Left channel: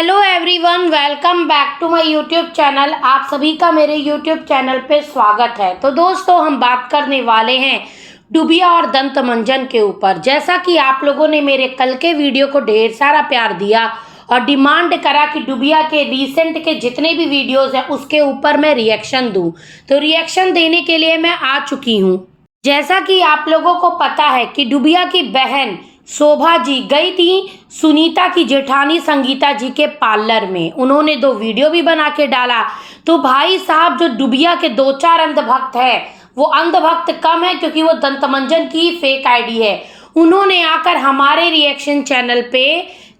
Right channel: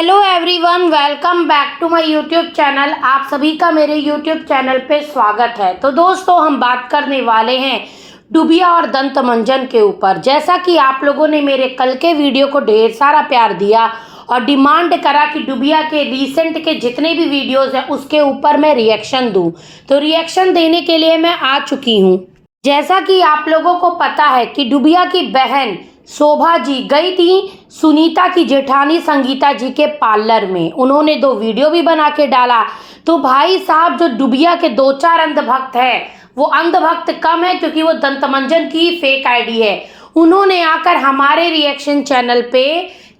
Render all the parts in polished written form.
Hello everyone, welcome back to my YouTube channel. आप सभी का मेरे यूट्यूब चैनल पे स्वागत है। तो दोस्तों, हम बात करने वाले हैं डूबिया और दंत मंजन के ऊपर। जैसा कि आप लोगों ने मेरे कल के वीडियो को ढेर सारा प्यार दिया और डिमांड करा कि डूबिया के रिसेंट के जितने भी वीडियोस हैं उसके ऊपर मैं रिएक्शन दूं, तो रिएक्शन देने के लिए मैं आ चुकी हूं। जैसा कि आप लोगों को पता है कि डूबिया की बहन शोभा जी गई थी सुनीता की जेठानी संगीता जी के पार्लर में। उन्होंने 2 वीडियो भी बना के डाला। तो भाई साहब, जो डूबिया के 2-4 अंधभक्त है, वो अंधभक्त कम है क्योंकि वो दंतमंजन की फेक आईडी है। उन्होंने आकर हमारे रिएक्शन चैनल पे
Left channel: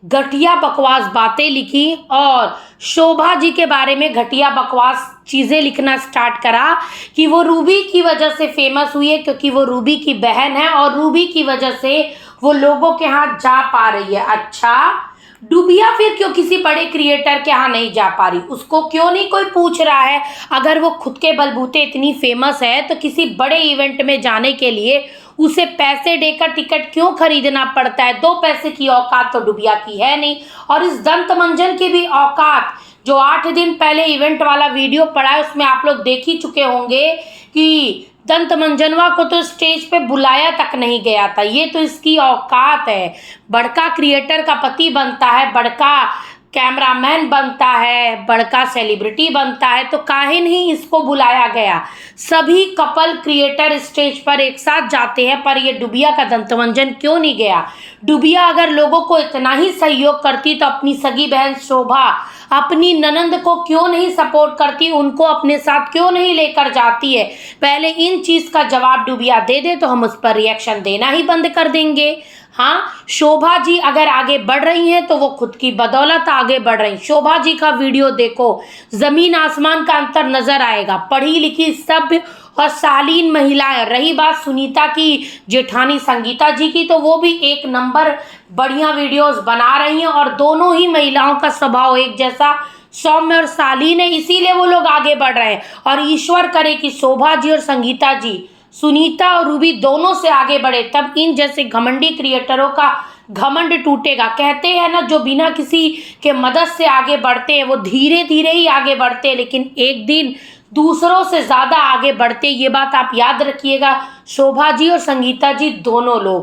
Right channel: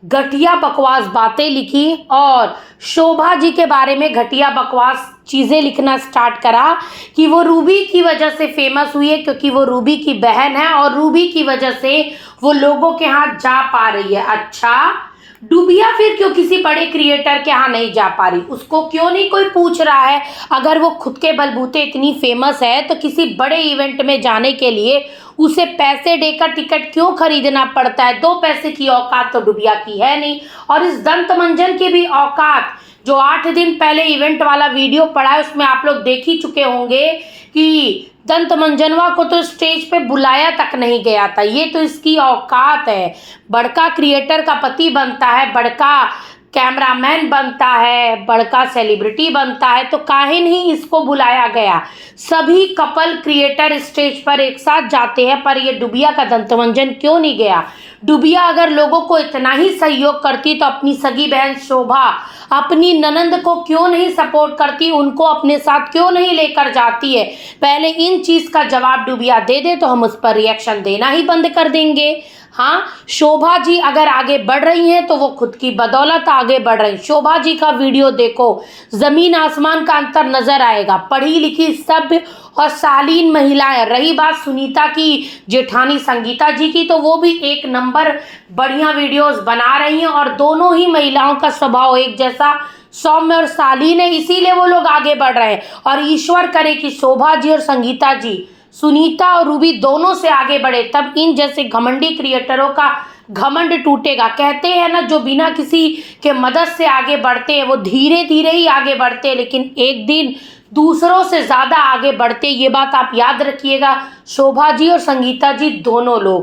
घटिया बकवास बातें लिखी और शोभा जी के बारे में घटिया बकवास चीज़ें लिखना स्टार्ट करा कि वो रूबी की वजह से फेमस हुई है, क्योंकि वो रूबी की बहन है और रूबी की वजह से वो लोगों के यहाँ जा पा रही है। अच्छा, डूबिया फिर क्यों किसी बड़े क्रिएटर के यहाँ नहीं जा पा रही? उसको क्यों नहीं कोई पूछ रहा है? अगर वो खुद के बलबूते इतनी फेमस है तो किसी बड़े इवेंट में जाने के लिए उसे पैसे देकर टिकट क्यों खरीदना पड़ता है? 2 पैसे की औकात तो डूबिया की है नहीं। और इस दंत मंजन की भी औकात, जो 8 दिन पहले इवेंट वाला वीडियो पड़ा है उसमें आप लोग देख ही चुके होंगे कि दंत मंजनवा को तो स्टेज पे बुलाया तक नहीं गया था। ये तो इसकी औकात है। बड़का क्रिएटर का पति बनता है, बड़का कैमरामैन बनता है, बड़का सेलिब्रिटी बनता है, तो काहे नहीं इसको बुलाया गया? सभी कपल क्रिएटर स्टेज पर एक साथ जाते हैं, पर ये डूबिया का दंतमंजन क्यों नहीं गया? डूबिया अगर लोगों को इतना ही सहयोग करती तो अपनी सगी बहन शोभा अपनी ननंद को क्यों नहीं सपोर्ट करती? उनको अपने साथ क्यों नहीं लेकर जाती है? पहले इन चीज़ का जवाब डूबिया दे दे तो हम उस पर रिएक्शन देना ही बंद कर देंगे। हाँ, शोभा जी अगर आगे बढ़ रही हैं तो वो खुद की बदौलत आगे बढ़ रही। शोभा जी का वीडियो देखो, जमीन आसमान का अंतर नजर आएगा। पढ़ी लिखी सभ्य और शालीन महिलाएं। रही बात सुनीता की जेठानी संगीता जी की, तो वो भी 1 नंबर बढ़िया वीडियोस बना रही हैं और दोनों ही महिलाओं का स्वभाव एक जैसा सौम्य और शालीन है, इसीलिए वो लोग आगे बढ़ रहे हैं। और ईश्वर करे कि शोभा जी और संगीता जी, सुनीता और रूबी दोनों से आगे बढ़े, तब इन जैसे घमंडी क्रिएटरों का घमंड टूटेगा। कहते हैं ना, जो बिना किसी के मदद से आगे बढ़ते हैं वो धीरे धीरे ही आगे बढ़ते हैं, लेकिन एक दिन दूसरों से ज़्यादा आगे बढ़ते। ये बात आप याद रखिएगा। शोभा जी और संगीता जी दोनों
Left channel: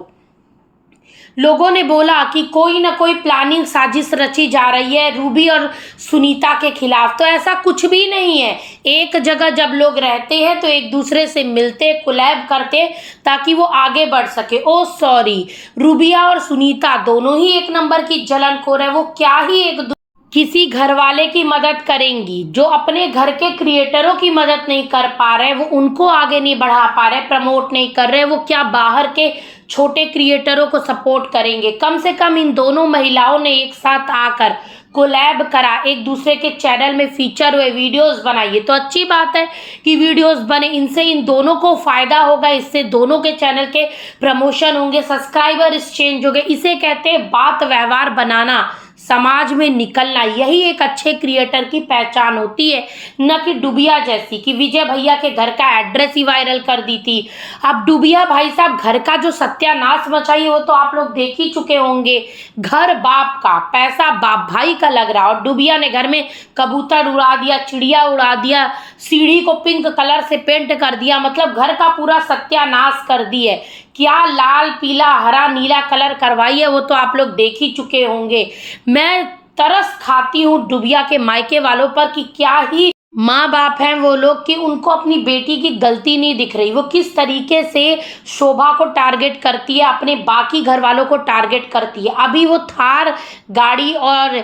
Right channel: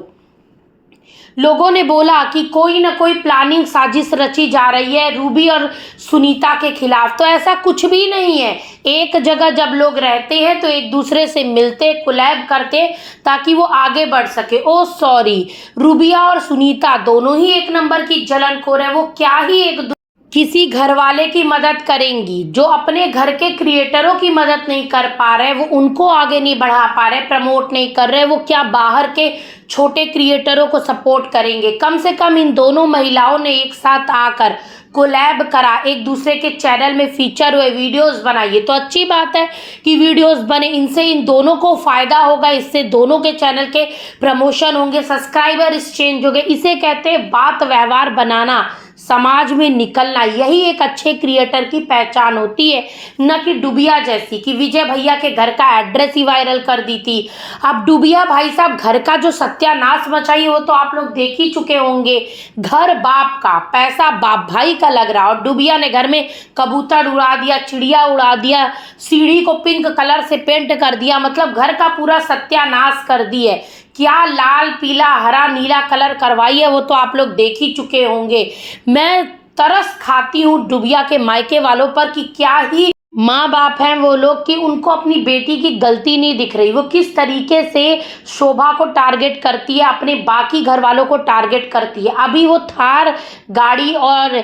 लोगों ने बोला कि कोई ना कोई प्लानिंग साजिश रची जा रही है रूबी और सुनीता के खिलाफ, तो ऐसा कुछ भी नहीं है। एक जगह जब लोग रहते हैं तो एक दूसरे से मिलते, कोलैब करते ताकि वो आगे बढ़ सके। ओ सॉरी, रूबिया और सुनीता दोनों ही 1 नंबर की जलनखोर है। वो क्या ही किसी घर वाले की मदद करेंगी? जो अपने घर के क्रिएटरों की मदद नहीं कर पा रहे, वो उनको आगे नहीं बढ़ा पा रहे, प्रमोट नहीं कर रहे, वो क्या बाहर के छोटे क्रिएटरों को सपोर्ट करेंगे? कम से कम इन दोनों महिलाओं ने एक साथ आकर कोलैब करा, एक दूसरे के चैनल में फीचर हुए, वीडियोस बनाइए, तो अच्छी बात है कि वीडियोस बने। इनसे इन दोनों को फायदा होगा, इससे दोनों के चैनल के प्रमोशन होंगे, सब्सक्राइबर एक्सचेंज होंगे। इसे कहते हैं बात व्यवहार बनाना, समाज में निकलना। यही एक अच्छे क्रिएटर की पहचान होती है, न कि डूबिया जैसी कि विजय भैया के घर का एड्रेस ही वायरल कर दी थी। अब डूबिया भाई साहब घर का जो सत्यानाश मचाई वो तो आप लोग देख ही चुके होंगे। घर बाप का, पैसा बाप भाई का लग रहा, और डूबिया ने घर में कबूतर उड़ा दिया, चिड़िया उड़ा दिया, सीढ़ी को पिंक कलर से पेंट कर दिया, मतलब घर का पूरा सत्यानाश कर दी है। क्या लाल पीला हरा नीला कलर करवाई है वो तो आप लोग देख ही चुके होंगे। मैं तरस खाती हूँ डूबिया के मायके वालों पर कि क्या ही माँ बाप हैं वो लोग कि उनको अपनी बेटी की गलती नहीं दिख रही। वो किस तरीके से शोभा को टारगेट करती है, अपने बाकी घर वालों को टारगेट करती है। अभी वो थार गाड़ी और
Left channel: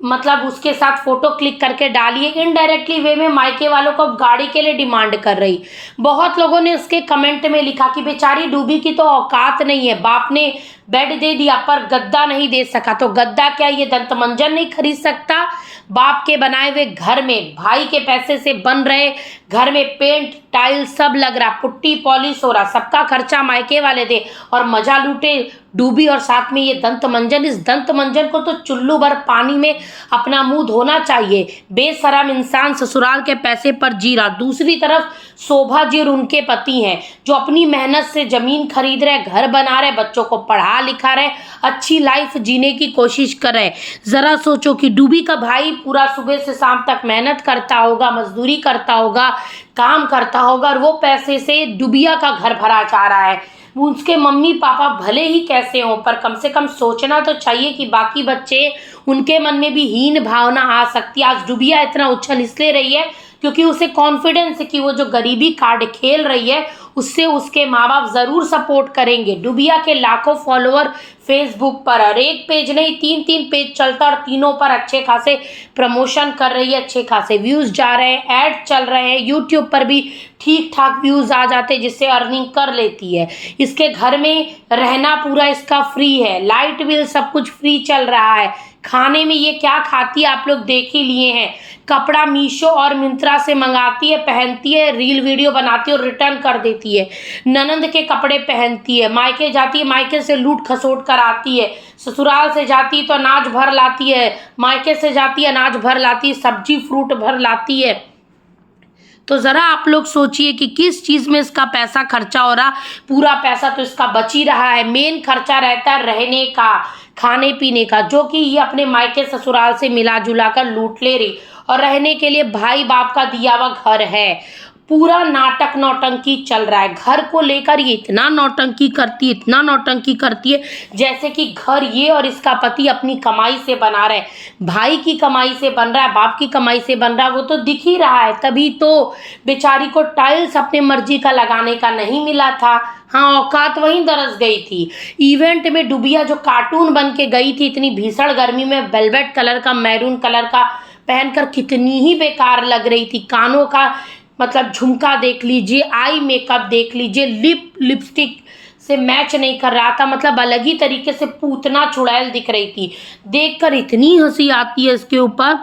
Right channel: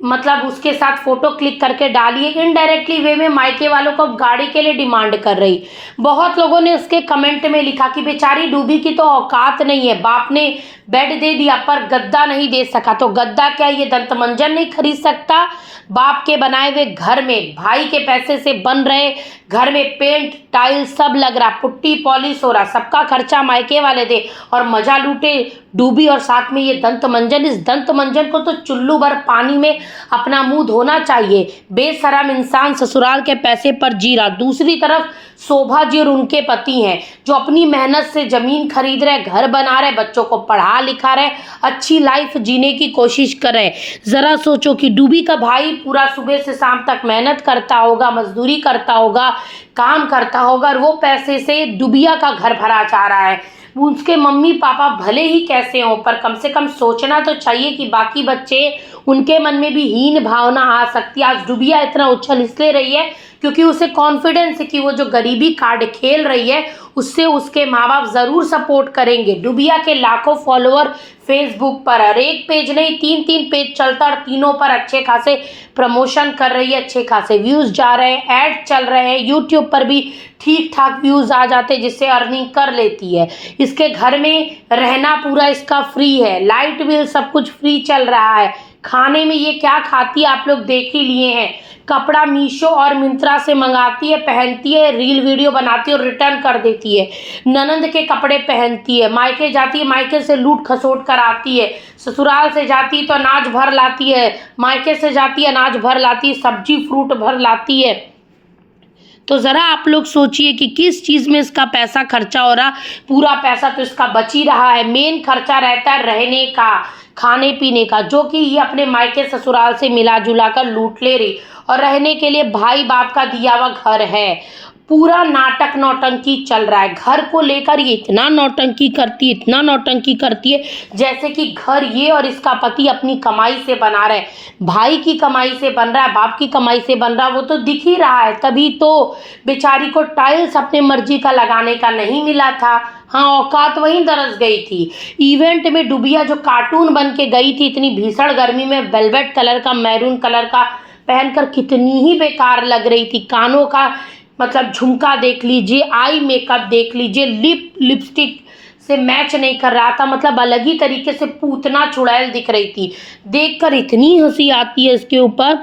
मतलब उसके साथ फोटो क्लिक करके डालिए, इनडायरेक्टली वे में मायके वालों को गाड़ी के लिए डिमांड कर रही। बहुत लोगों ने उसके कमेंट में लिखा कि बेचारी डूबी की तो औकात नहीं है, बाप ने बेड दे दिया पर गद्दा नहीं दे सका। तो गद्दा क्या ये दंतमंजन नहीं खरीद सकता? बाप के बनाए हुए घर में भाई के पैसे से बन रहे घर में पेंट टाइल्स सब लग रहा, पुट्टी पॉलिश हो रहा, सबका खर्चा मायके वाले दे और मजा लूटे डूबी। और साथ में ये दंत मंजन, इस दंत मंजन को तो चुल्लू भर पानी में अपना मुंह धोना चाहिए। बेशरम इंसान ससुराल के पैसे पर जी रहा। दूसरी तरफ शोभा जी और उनके पति हैं जो अपनी मेहनत से जमीन खरीद रहे, घर बना रहे, बच्चों को पढ़ा लिखा रहे, अच्छी लाइफ जीने की कोशिश कर रहे। जरा सोचो कि डूबी का भाई पूरा सुबह से शाम तक मेहनत करता होगा, मजदूरी करता होगा, काम करता होगा और वो पैसे से डुबिया का घर भरा जा रहा है। उसके मम्मी पापा भले ही कैसे हों पर कम से कम सोचना तो चाहिए कि बाकी बच्चे, उनके मन में भी हीन भावना आ सकती है। आज डुबिया इतना उछल इसलिए रही है क्योंकि उसे कॉन्फिडेंस है कि वो जो गरीबी कार्ड खेल रही है उससे उसके माँ बाप ज़रूर सपोर्ट करेंगे। डुबिया के लाखों फॉलोअर फेसबुक पर, और एक पेज नहीं 3-3 पेज चलता और तीनों पर अच्छे खासे प्रमोशन कर रही है, अच्छे खासे व्यूज़ जा रहे हैं, ऐड चल रहे हैं, यूट्यूब पर भी ठीक ठाक व्यूज़ आ जाते हैं जिससे अर्निंग कर लेती है। इसके घर में रहना पूरा इसका फ्री है, लाइट बिल सब कुछ फ्री चल रहा है। खाने में ये क्या खाती है आप लोग देख ही लिए हैं। कपड़ा मीशो और मिंत्रा से मंगाती है, पहनती है, रील वीडियो बनाती है और रिटर्न कर देती है। ननंद के कपड़े पहनती है, मायके जाती है, मायके से लूट खसोट कर आती है, ससुराल से जाती है तो अनाज भर लाती है, मायके से जाती है अनाज भर लाती है, सब्जी फ्रूट भर लाती है। तो ज़रा आप लोग सोचिए कि किस चीज़ में इसका पैसा खर्चा हो रहा। पूरा पैसा तो इसका बच ही रहा है। मेन खर्चा रहता है रहने का, खाने पीने का, जो कि ये अपने मायके ससुराल से मिला जुला कर लूट ले रही। और रहने के लिए भाई बाप का दिया हुआ घर है। पूरा नाटक नौटंकी चल रहा है। घर को लेकर ये इतना नौटंकी करती है, इतना नौटंकी करती है जैसे कि घर ये और इसका पति अपनी कमाई से बना रहे। भाई की कमाई से बन रहा है, बाप की कमाई से बन रहा है, वो तो दिख ही रहा है। तभी तो बेचारी को टाइल्स अपने मर्जी का लगाने का नहीं मिला था। हाँ, औकात वहीं दरस गई थी। इवेंट में डुबिया जो कार्टून बन के गई थी इतनी भीषण गर्मी में, वेलवेट कलर का, मैरून कलर का पहनकर कितनी ही बेकार लग रही थी। कानों का मतलब झुमका देख लीजिए, आई मेकअप देख लीजिए, लिपस्टिक से मैच नहीं कर रहा था, मतलब अलग ही तरीके से पूतना चुड़ैल दिख रही थी। देखकर इतनी हंसी आती है इसके ऊपर।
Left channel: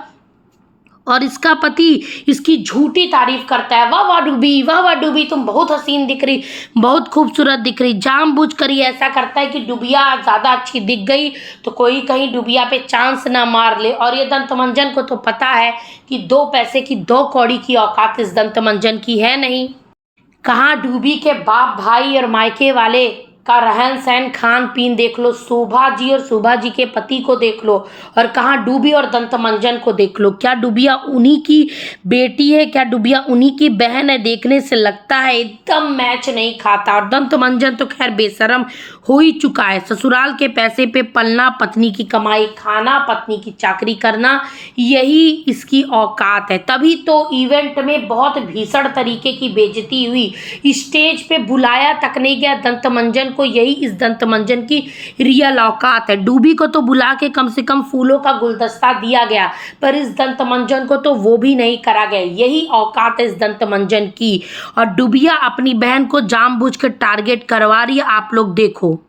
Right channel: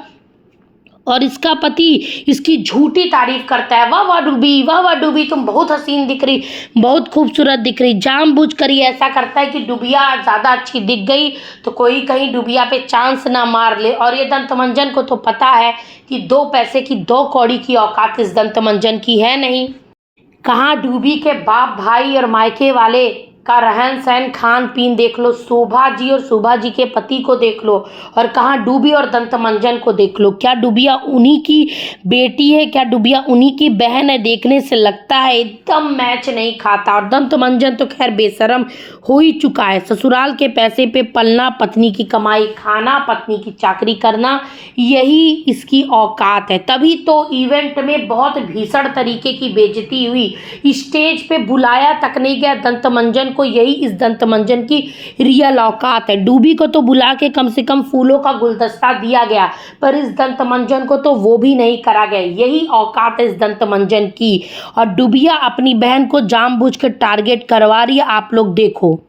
और इसका पति इसकी झूठी तारीफ करता है, वाह वाह डूबी, वाह वाह डूबी, तुम बहुत हसीन दिख रही, बहुत खूबसूरत दिख रही। जानबूझ कर ये ऐसा करता है कि डुबिया ज़्यादा अच्छी दिख गई तो कोई कहीं डुबिया पे चांस ना मार ले। और ये दंतमंजन को तो पता है कि 2 पैसे की 2 कौड़ी की औकात इस दंतमंजन की है नहीं। कहाँ डूबी के बाप भाई और मायके वाले का रहन सहन, खान पीन देख लो, शोभा जी और शोभा जी के पति को देख लो, और कहाँ डूबी और दंतमंजन को देख लो। क्या डुबिया उन्हीं की बेटी है? क्या डुबिया उन्हीं की बहन है? देखने से लगता है एकदम मैच नहीं खाता। और दंतमंजन तो खैर बेशरम हो ही चुका है। ससुराल के पैसे पे पलना, पत्नी की कमाई खाना, पत्नी की चाकरी करना, यही इसकी औकात है। तभी तो इवेंट में बहुत भीषण तरीके की बेइज्जती हुई, स्टेज पे बुलाया तक नहीं गया दंतमंजन को। यही इस दंतमंजन की रियल औकात है। डूबी को तो बुला के कम से कम फूलों का गुलदस्ता दिया गया, पर इस दंतमंजन को तो वो भी नहीं करा गया। यही औकात है इस दंतमंजन की। और डुबिया अपनी बहन को जानबूझ कर टारगेट करवा रही है, आप लोग देखो।